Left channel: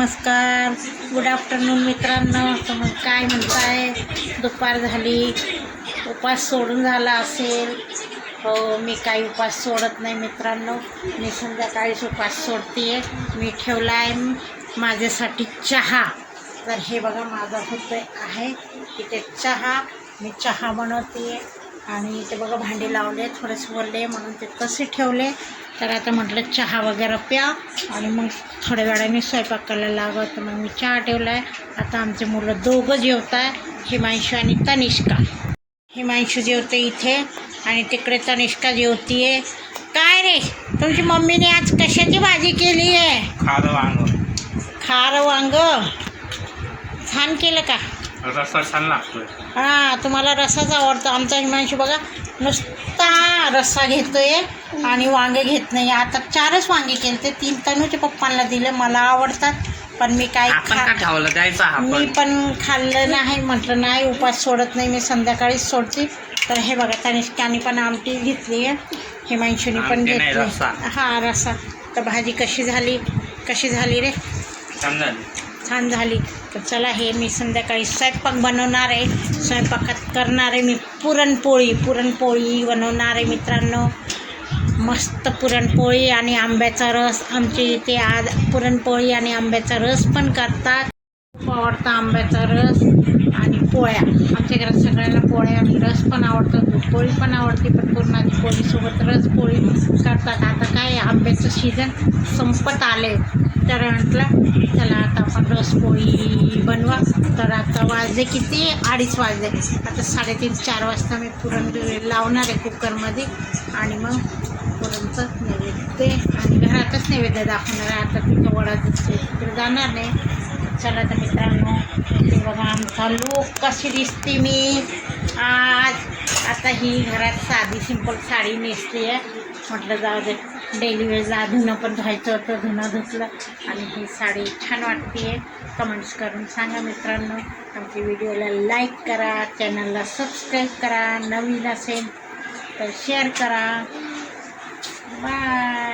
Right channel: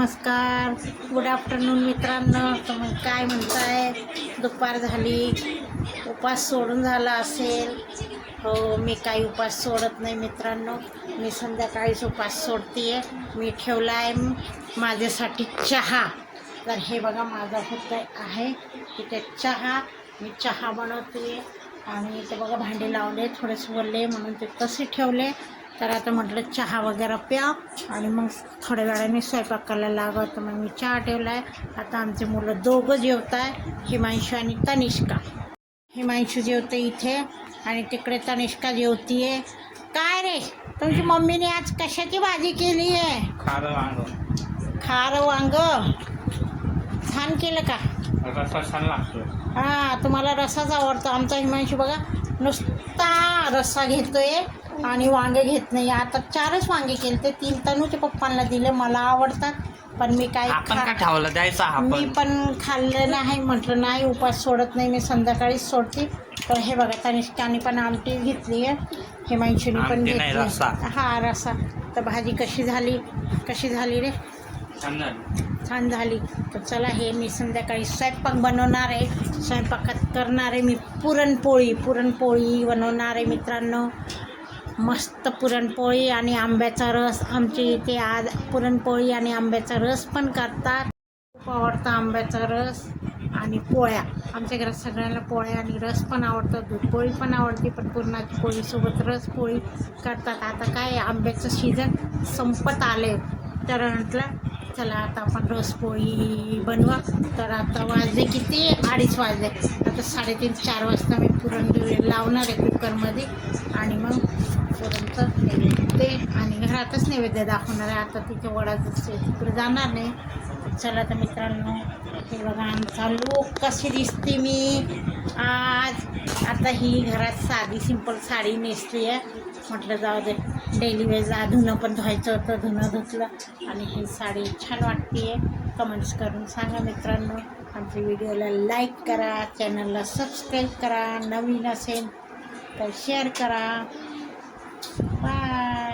नमस्कार. Good afternoon मित्रांनो. तुम्ही काय म्हणताय? दुपार झाली. उपास सोडून झाला असेल. हो मी काही उपास सोडत नाही मित्रांनो. मी संध्याकाळीच उपास सोडते मी ठेवला आहे माझ्यासाठी चहा. तर हे बघा माझा होत आहे. तिथे चहा. मी चहा बनवते आणि ते बघा भांडे लावले थोडेसे बोलले म्हणून ते तसे ठेवले. तर आता म्हटलं चहा वगैरे प्या आणि मग थोड्या वेळाने स्वयंपाक करायला लागत तर मग मी चहा ठेवला आहे आता आमचे मुलं दोघं जेवत आहे हिमांशू आणि तनिष्का. हिमांशू जेवते इथे आणि तिकडे तनिष्का जेवतीये. काय रे? तुमची मम्मीने आज कशाची भाजी केली आहे? खारं वांग. खार वांग? छान केलं का? रस्ता छान लागतोय. हां तुम्हाला रस्साच आवडतो. आमचा हिमांशू बघा नुसता रस्सा घेतोय आणि वांगे घेत नाही. आता चारच वांगे केले ते तीन तनूच्या पप्पांना दिले. मला आवडतात पण मी काय आपण का खा ठेवलं द्यायचा मी पण. खाल्लं नाही. म्हटलं नाही उपास सोडत नाही. मी संध्याकाळीच सोडते. तर हे बघा तनिष्काने पण आमटी घेतली आहे. हिमांशूने पण आमटी नाही, रस्सा. घेतली हा रस्सा. तर भाजी कशी झाली? कशी झाली रे? छान झाली. छान झाली. तर चला हे मी संध्याकाळी स्वयंपाक बनवणार आहे. स्वयंपाकात करणार आहे मी पुरणपोळी. पुरणपोळी बनवणार आहे मित्रांनो. मस्त पुरणपोळी आणि आंब्याचा रस. आमची इथे आज पुरणपोळी आणि आंब्याचा रस पण करतात. खूप आवडतं आंब्याचा रस आणि पोळ्या. आमच्या घरात सगळ्यांना पोळ्या आणि रस पण आवडतं. पोळी पण आवडते पण पुरणाची पोळीसोबत रस पोळी करतात. आता काय आंब्याचं सीझन संपत आले तर म्हटलं चला आता बनवा. तर आता वाजले किती? अडीच वाजले. आता साडेतीन चार वाजता मी पुरण लावणार आहे कुकरमध्ये. आणि मग पुरणचं नैवेद्य ते आणि घरातच नैवेद्य दाखवणार आहे. आता तिथं वडाचं जाणार नाही. चला तर मित्रांनो ते बघा आमचा लूक कशी दिसते मी. आज आता ही घरात साधी सिंपल साडी नेसली आहे. म्हटलं जाऊ दे. डेली वेळेला धुणं पण धुवायचं होतं धुणं धुतलं. आणि ही साडी छान वाटते कमेंट्स करून सांगा मित्रांनो. आमच्या व्हिडिओला लाईक करा चॅनलला सबस्क्राईब करा. नवीन असेल तर शेअर करा. बाय